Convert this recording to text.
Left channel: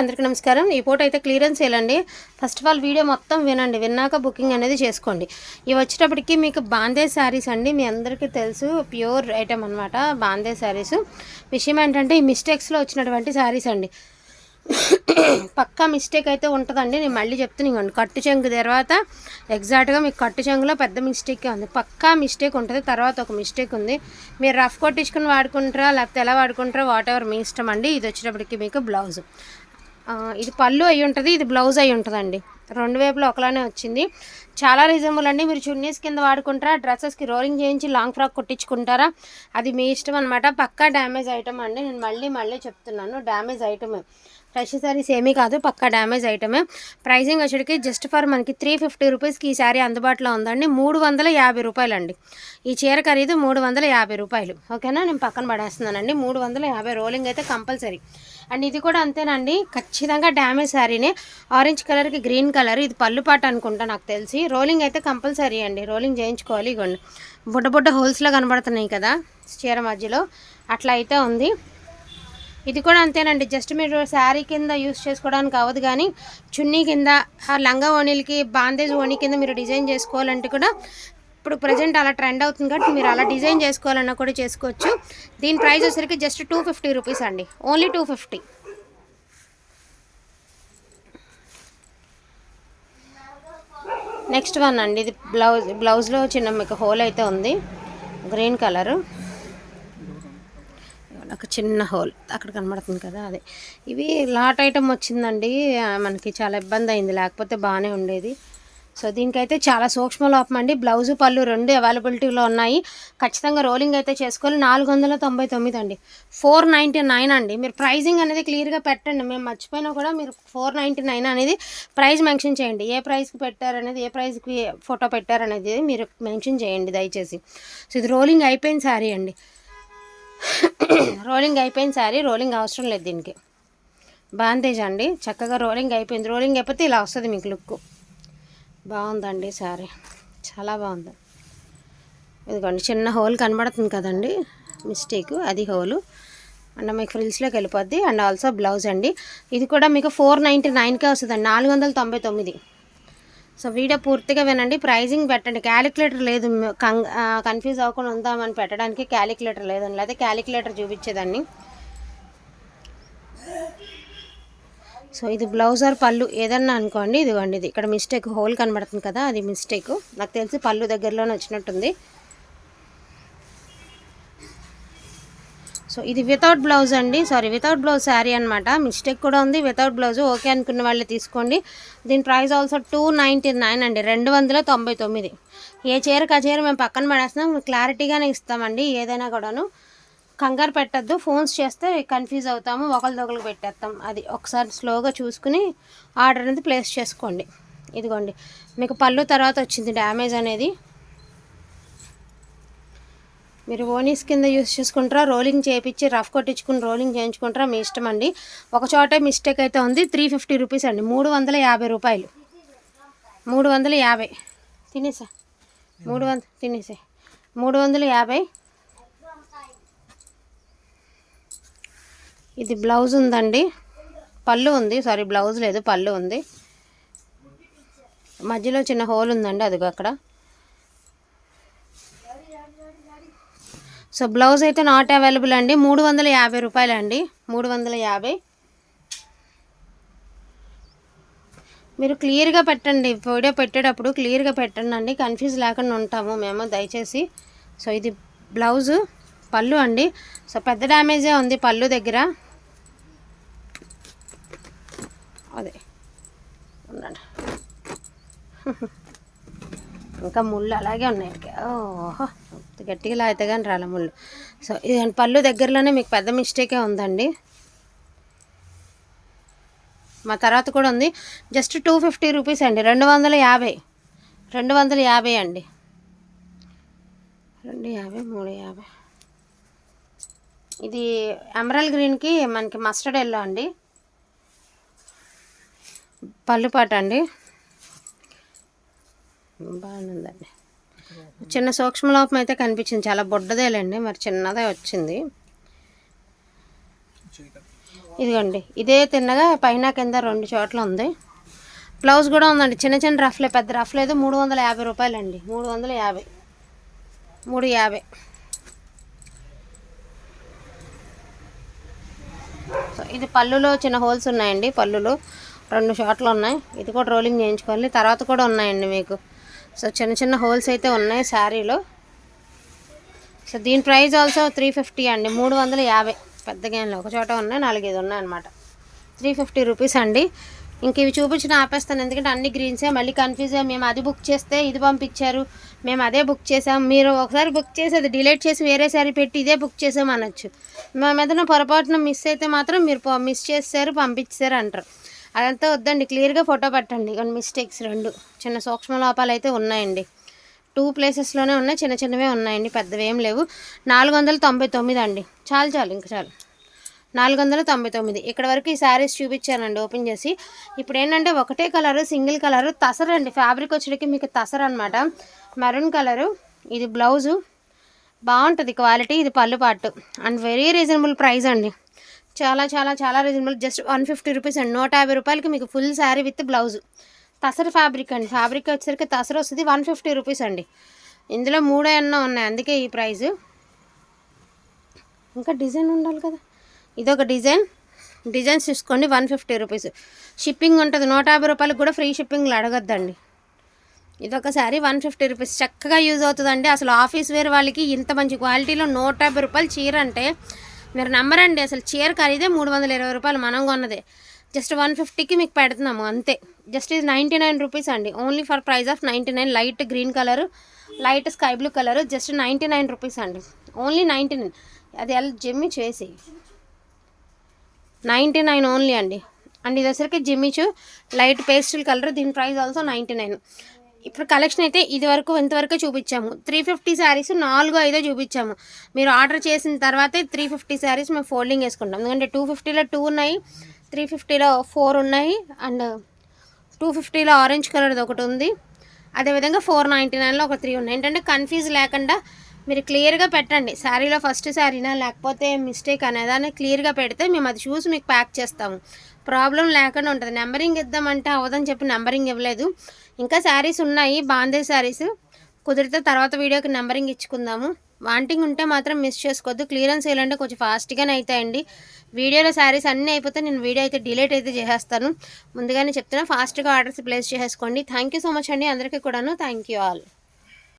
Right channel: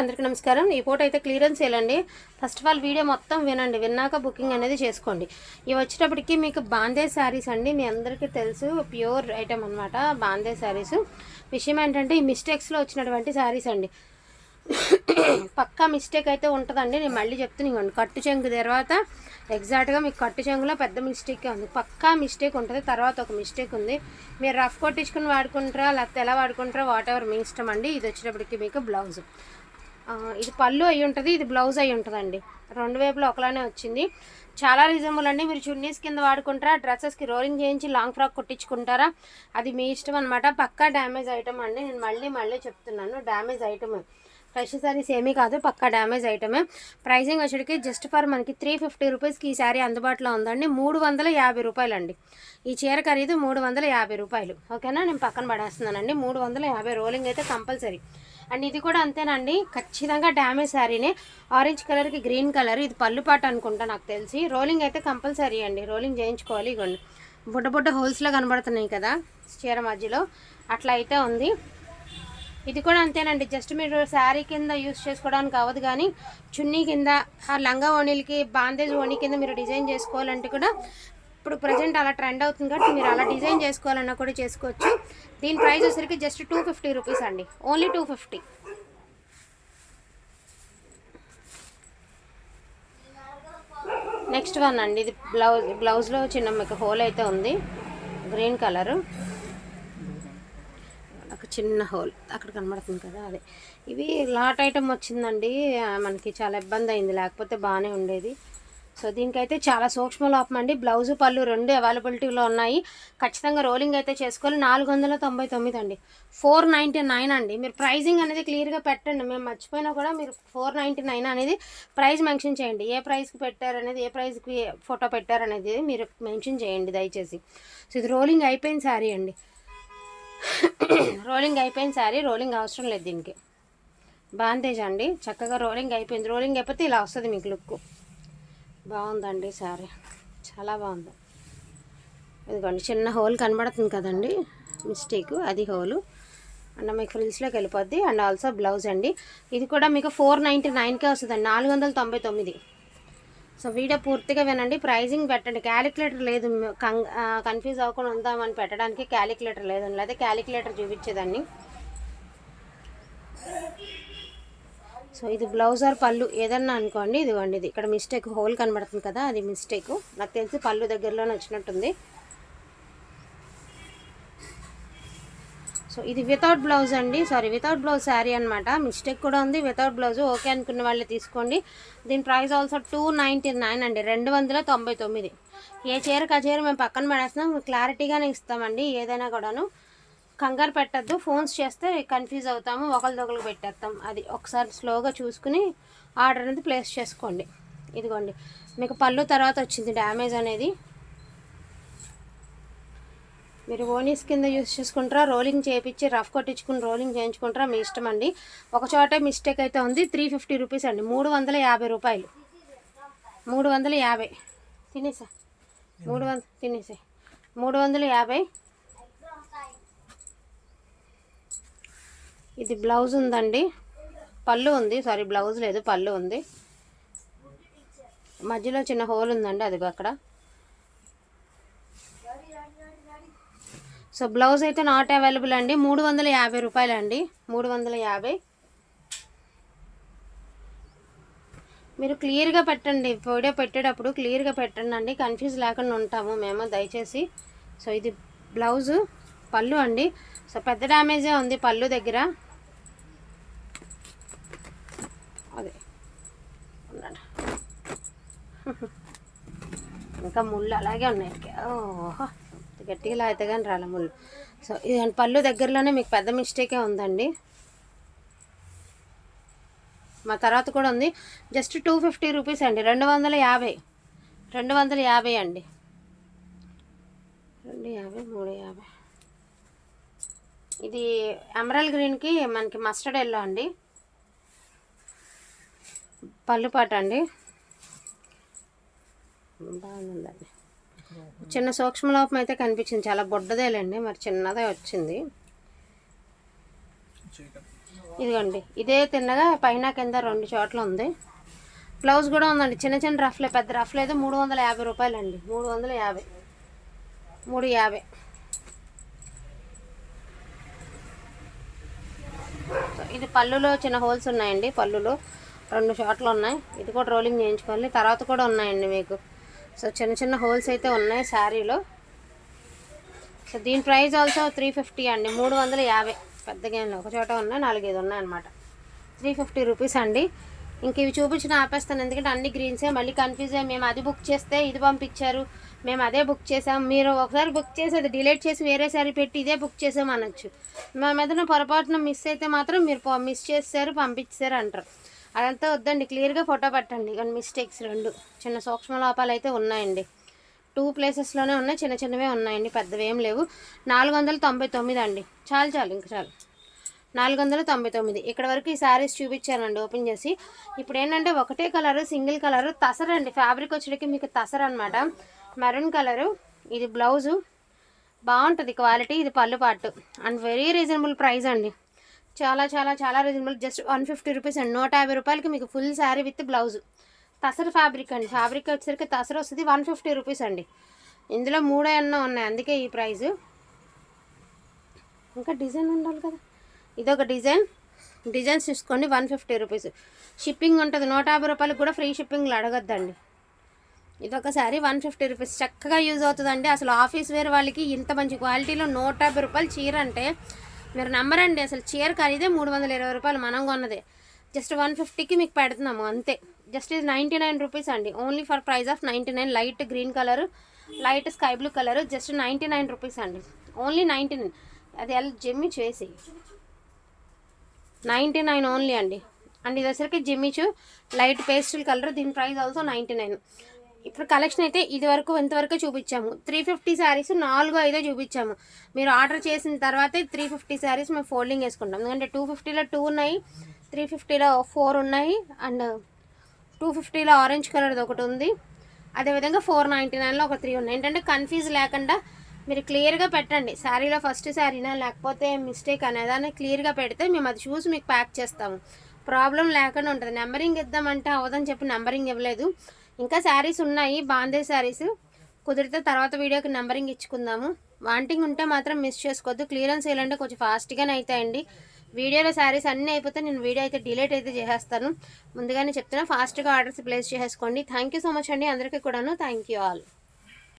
అందరికీ నమస్కారం. ఈ పూట అయితే క్లియరెన్స్ చేయాలండి. ఫస్ట్ ఆఫ్ ఆల్ వీడియో మొత్తం వినండి. విన్నాక బుకింగ్ అనేది చేసుకోండి. ఇవి వచ్చేటప్పటికి మీకు బాందే శారీస్ అండి. మీ అందరికీ తెలుసు ప్యూర్ ఐటమ్ అనమాట బాందే శారీస్. విషయం ఏంటంటే ఈ మిస్టేక్స్లో వచ్చినటువంటి శారీస్ అండి. పక్కా మిస్టేక్ అయితే ఉంటుందండి. నేను మళ్ళీ చెప్తున్నాను కట్టు చెంగు తర్వాత ఎగ్జాక్ట్గా మీకు కట్టు చెంగులో పెద్ద మిస్టేకే ఉంది. పక్కా మిస్టేక్ ఉంటుంది. తర్వాత ఒక మిస్టేక్ ఉంది. మీరు రఫ్ కొట్టించుకుని వాడుకుంటారా లేకపోతే ఎలా వాడుకుంటారా వాట్ ఎవర్ మీ ఇష్టం అండి. ఇది వచ్చేటప్పటికి మీకు బ్లౌజ్. ఇది పళ్ళు అయి ఉంటుంది ఇది బ్లౌజ్ అయి ఉంటుందండి. రెండు వైపులో ఒకలానే వచ్చింది. చాలా రీజనబుల్ అండి. మీరు చున్నీస్ కింద వాడుకుంటారా డ్రెస్సెస్కి రోలింగ్ చేయించి లాంగ్ ఫ్రాక్ కుట్టించుకుంటారా? అది మీ ఇష్టం అనమాట పక్కా డ్యామేజ్ ఐటమ్ అండి. నేను మళ్ళీ మళ్ళీ చెప్తున్నాను డ్యామేజ్ ఐటమే ఫ్రెష్ సారీస్ ఏమీ కాదు పక్కా డ్యామేజ్ ఐటమే ప్రైసింగ్ వచ్చేటికి జస్ట్ ఫర్ మనకి త్రీ ఫిఫ్టీ రూపీస్కి ఈ శారీ అందుబాటులో ఉందండి. మూడు వందల యాభై రూపాయలు అండి ఈ చీర ఖరీదు మూడు వందల యాభై రూపాయలు. ఓకేనా? నేను పక్కన పడేస్తున్నానండి. మూడు వందల యాభై రోలింగ్ అయితే కంపల్సరీ అండ్ ఇది కూడా అంతేనండి. ఖచ్చితంగా డ్యామేజ్ శారీనే. ఆరెంజ్ కలర్కి గ్రీన్ కలర్. ఇది పళ్ళు పాట అనుకుంటా నాకు తెలిసి. రోలింగ్ అయితే కంపల్సరీ అండి. రోలింగ్ చేయించుకోవాలి ఇగోండి. బుడ్డ బుడ్డ హోల్స్లో కనబడుతున్నాయి కదా చీర మధ్యలో. అట్లా అయితే ఉంది. ఇది కూడా అంతేనండి. జస్ట్ మీరు శారీ కింద యూస్ చేసుకోవడానికి అవ్వదు కానీ చున్నీ కింద ఆ లంగా ఓణీలకి బాందేజ్ ఓణి కింద మీరు డిజైన్ చేసుకోవాలంటే కూడా ఇప్పుడు ప్రజెంట్ అలా ట్రెండ్ అవుతుంది కాబట్టి మీరు అలా డిజైన్ చేసుకోవాలన్నా కూడా చేసుకోవచ్చు. దీని ప్రైస్ వచ్చేసరికి జస్ట్ టూ ఫిఫ్టీ రూపీస్ అండి. Only two fifty. Next one అండి. ఇది బ్లౌజ్ బ్లౌజ్లో చిన్న మీకు హోల్ అయితే ఉంది. Green colour. ఒక చిన్న హోల్. అక్కడ కనబడుతుంది కదా అదే. ఇవి లాట్ ఐటమ్ వచ్చిందండి. మనకి చాలా ఇబ్బంది అయింది. లేకపోతే బాగానే ఉండేది. సో దీనికైతే చాలా సూక్ష్మ లోపం అండి. బ్లౌజు పళ్ళు రెండు అవైలబిలిటీలో ఉన్నాయి. ఖచ్చితంగా రోలింగ్ అయితే చేసుకోవాలి. నాలుగు వందల తొంభై తొమ్మిది అండి. ఫోర్ నైంటీ నైన్ అండి. మీరు ప్రైజింగ్ అనేది క్లియర్గా పెట్టండి. మేము మర్చిపోయినా కూడా మీరు ఫోర్ నైంటీ నైన్ అనేది ప్రైస్ మెన్షన్ చేయండి. ఏ ప్రైస్కి పెట్టారనేది ఏ ప్రైస్కి ఫోటో పెట్టారనేది మీరు మెన్షన్ చేయండి దయచేసి. సో ఇది రోలింగ్ అయిపోయిన శారీ అండి. రోలింగ్ అయిపోయిన శారీ రోలింగ్ అవసరం లేదు దీనికి. బాందేజ్ అండి. చక్కగా రోలింగ్ అయిపోయింది. రోలింగ్ అయిపోతే ఇలా వస్తుంది మీకు లుక్ బాగుందండి సారీ చాలా బాగుంది. ఇదిగోండి చిన్న హోల్ కనబడుతుంది కదండి. మిస్టేక్ అది హోలు. అండ్ మీకు ఫ్రిల్స్లోకి వెళ్ళిపోద్ది. అండ్ ఆల్సో బ్లౌజ్ అండి. ఇది కూడా మీకు ఫోర్ నైంటీ నైన్కే వస్తుందండి. నాలుగు వందల తొంభై తొమ్మిది. సో వీడియో పూర్తిగా వినండి. ప్రైజింగ్ పెట్టండి. క్యాలిక్యులేటర్ లేదు. కన్ఫ్యూజ్ అవ్వకుండా ఉందామని పెట్టడానికి క్యాలిక్యులేటర్ లేదండి. లేదా క్యాలిక్యులేటర్ చూపించేదాన్ని. సో ఇది బ్లౌజ్ ఆర్ పళ్ళు ఏదన్నా అనుకోండి ఇదిగోండి ఇది. ఇక్కడ మిస్టేక్ హోల్ కనబడుతుంది కదా అది మిస్టేక్. నాకు తెలిసి పళ్ళు దగ్గరలోనే వచ్చినట్టుంది. సో ఇది వితౌట్ బ్లౌజ్ అండి. సారీ వితౌట్ బ్లౌజ్ శారీ అనమాట మిస్టేక్ కూడా ఉంది. వితౌట్ బ్లౌజ్ ఓకే అనుకున్న వాళ్ళు తీసుకోండి. దీని price also two ninety nine అండి. రెండు వందల తొంభై తొమ్మిది. ఏ చీరకు ఆ చీర మేము పక్కన పడేస్తున్నాం. క్లారిటీగానే ఇస్తామండి ఏదైనా కూడాను. కంగారు పెట్టద్దు ఫోన్స్ చేస్తే కన్ఫ్యూజ్ అవుతాము ఒకరిదొకరు పెట్టేస్తాం అది ఒకసారి స్లోగా చూసుకుని ఆర్డర్ అనేది ప్లేస్ చేసుకోండి. ఇదిగోండి మీకు పళ్ళు తర్వాత వచ్చింది డ్యామేజ్ అనేది. మీరు ఓనీస్ కింద యూస్ చేసుకుంటారా రోలింగ్ చేయించి రఫ్ కొట్టించుకుని రోలింగ్ చేయించుకుంటారా మీ ఇష్టం అండి. ఒక చోటే మిస్టేక్ అయితే ఉంది త్రీ ఫిఫ్టీ రూపీస్ అండి. మూడు వందల యాభై రూపాయలు. మూడు వందల యాభై. తినేసా? మూడు వంద తినేసా? మూడు వందల యాభై. ఇది బ్లౌజ్ ఉందండి. పళ్ళు ఉంది. సారీ బ్లౌజ్ లేదు పళ్ళు ఉంది. మధ్యలో చిన్న హోల్ ఉందండి అది అక్కడ. సో బ్లౌజ్ అయితే నాట్ అవైలబుల్ అండి. మూడు వందల యాభై రూపాయలు అండి మూడు వందల యాభై. మీరు క్లియర్గా పెట్టండి. వీడియో పెట్టేటప్పుడు క్లియర్గా పెట్టండి. అండి కన్ఫ్యూజ్ లేకుండా ఉంటాము మేము దయచేసి. సో ఇది బ్లౌజు. పళ్ళు అండి. సో పెద్ద డ్యామేజే ఉంది పళ్ళు దగ్గర. అదే. ఉన్నాడు ఇంకా ముళ్ళు అలాగే ఉన్నాయి. ఓహో. గట్టిగా లాగితే కానీ రాల ముళ్ళు. సో ఇది పళ్ళు దగ్గరలోనే మీకు పెద్ద మిస్టేకే ఉందండి. మా తర్వాత కూడా ఉంది. జస్ట్ టూ ఫిఫ్టీ రూపీస్ అండి. రెండు వందల యాభై. రెండు వందల యాభై అండి. రెండు యాభై మూడు యాభై. ఇది ఎమరల్ గ్రీన్కి మనకి మస్టర్డ్ ఎల్లో అండి. పళ్ళుపాట అండి. బాగుందండి. చిన్న సూక్ష్మలోపం అయితే కనిపించింది. చాలా బొడ్డదేలేండి మరి చిన్నదే వచ్చింది. ఇదిగోండి ఇదే తిన్నగా పైన కింద రెండు చోట్ల ఉంది. బ్లౌజ్ కూడా ఉందండి. చిన్న చిన్న రఫ్లే పెద్ద రఫ్ లేదు మూడు వందల యాభై రూపాయలండి. మూడు వందల యాభై. మూడు యాభై. ఇది పళ్ళులో చిన్న హోల్స్ ఉన్నాయండి పళ్ళులో. రెండు షాట్లు ఉన్నాయి. ఇది కూడా రోలింగ్ చేయించుకోవాలి. తర్వాత కూడా ఉన్నాయండి మీకు. సో చిన్న చిన్న హోల్స్ అయితే ఉన్నాయి శారీలో. సో దీని ప్రైస్ ఆల్సో త్రీ ఫిఫ్టీ అండి. మూడు వందల యాభై. పెద్ద ఏం ఒక చోట ఉన్నాయి నాలుగైదు ఉన్నాయి అనమాట త్రీ ఫిఫ్టీ రూపీస్ అండి. ఇంక ఇవి చూపించిన ఆపేస్తాను. ఎందుకంటే అన్ని గ్రీన్సే మళ్ళీ కన్ఫ్యూజ్ అయ్యి మేము అది బుక్ చేస్తే ఇది పంపించారు. మేము అదే బుక్ చేసాం. మీరు ఒకసారి బుక్ చేసి అది డిలీట్ చేసి వేరేసారి పెట్టి ఇదే బుక్ చేసాం అనొచ్చు. మా ఏదైనా పొరపాటున మిస్ అయితే మాత్రం మీరు మిస్ చేస్తారు పంపించారు అంటారు. అదంతా వద్దండి. క్లియర్గా ఫోటో పెట్టండి. కొన్ని మిస్టేక్స్ రెండు. చిన్న సూక్ష్మ లోపాలు అయితే ఉన్నాయండి. టూ ప్లేసెస్లోనే ఉన్నాయి. చిన్న చిన్నవే ఉన్నాయండి. పెద్దవి ఏం లేవు. నాలుగు వందల తొంభై తొమ్మిది అండి. చాలు చాలు ఇంకా చాలు. నాలుగు వందల తొంభై తొమ్మిది. ఇక్కడ వరకు ఈ శారీస్ చూపించానండి ఓపెన్ చేసి. ఇప్పుడు ఏంటంటే ఒకటే కలర్ సింగిల్ కలర్ తసర్ అండి. ఫ్యాబ్రిక్ వచ్చేటికి మీకు తసర్ అనమాట మెరూన్ కలరు ఇది బ్లౌజు. బాగుంటుంది క్వాలిటీ ఇది పళ్ళు పాటు. అండ్ వెరీ రీజనబుల్ ప్రైస్ అండి. చాలా చాలా చాలా reasonable. Just one fifty rupees అండి. నూట యాభై రూపాయలకి మీకు full sari with blouse. Tussar fabric అండి. ఫ్యాబ్రిక్ వచ్చేసరికి తసర్ వస్తుంది వన్ ఫిఫ్టీ రూపీస్ అండి. ఇందులో మూడే అన్న ఉన్నాయి అందుకే ఈ ప్రైస్ ఇంకా డిజైన్ ఉండాలి కదా. ఇదొక డిజైన్. డిజైన్స్ తీసుకోండి వన్ ఫిఫ్టీ రూపీస్. షిప్పింగ్ ఉంటుంది నూట యాభై రూపాయలకు కూడా ఫ్రీ షిప్పింగ్లో అడగద్దండి. ఇదొక శారీ వన్ ఫిఫ్టీ రూపీస్. చక్కగా యూజ్ అవుతుందండి. అసలు ఆఫీస్ వేర్ వాళ్ళకి ఇంత మంచి క్వాలిటీలో నూట యాభై రూపాయలు చీర అంటే మీరు నమ్మరండి. అసలు చీర ఖరీదే మూడు వందల ఇరవై రూపాయలు మనం కొన్నదే. జస్ట్ వన్ ఫిఫ్టీకి మీకు పెడుతున్నాము అంతే. జస్ట్ ఇది నైంటీ నైన్ రూపీస్ అండి. Only for price of ninety nine. Light green colour light sky blue colour just ninety nine rupees అండి. Only ninety nine. అది ఎలా జమ్మి చేసి నైంటీ నైన్ ఓన్లీ అండి. అండ్ ఇది వచ్చరికి జిమ్మిచు లైట్ పేస్టల్ కలర్. దీని ప్రైస్ ఆల్సో నైంటీ నైన్. ఇప్పుడు కలెక్షన్ అయితే ఇది వరకు ఇంతవరకు చూపించాము. త్రీ ఫిఫ్టీ శారీస్ నాలుగు ఐదో చూపించాము. మీరు ఆర్డర్ చేసిన తర్వాతే త్రీ ఫిఫ్టీ శారీస్ మేము ఫోల్డింగ్ వేసుకుంటాం ఎందుకంటే టూ ఫిఫ్టీలో టూ ఉన్నాయి త్రీ ఫిఫ్టీలో ఫోర్ ఉన్నాయి అండ్ టూ ఫిఫ్టీలో ఆరెంజ్ కలర్ది ఒకటి ఉంది. అదేవిధంగా ఫోర్ నైంటీ నైన్లో ఒక త్రీ ఉన్నాయి. ఏంటంటే కన్ఫ్యూజ్ లేకుండా మీరు క్లియర్గా పెట్టండి. శారీలో ఫస్ట్ శారీనా లేకపోతే మిస్టేక్ అనేదాన్ని క్లియర్గా పెడితే మేము అది చూసి మీకు ప్యాక్ చేస్తాము. ప్రాబ్లం లేకుండా ఉంటుంది. నెంబరింగ్ ఇద్దామంటే అవ్వదని చెప్పి నెంబరింగ్ ఇవ్వలేదు. ఇంకా శారీస్ ఉన్నాయి. బాందే శారీస్. కుదిరితే తర్వాత వీడియోకి నెంబరింగ్ ఇచ్చుకుందాము. వాంటింగ్ ఉంటే మాత్రం మిస్ చేసుకోవద్దు. క్లియరెన్స్ వేయాలంటే కొంచెం ఫాస్ట్గానే అవుతాయండి వీడియోలో శారీస్ అన్నీ అయిపోతే నేను వీడియో అయితే డిలేట్ అయితే చేసేస్తాను. ముందుగానే చెప్తున్నా ఫాస్ట్గా ఆర్డర్స్ ప్లేస్ చేసుకోండి థ్యాంక్ యూ సో మచ్ అండి. అందరికీ కూడాను థ్యాంక్ యూ ఆల్.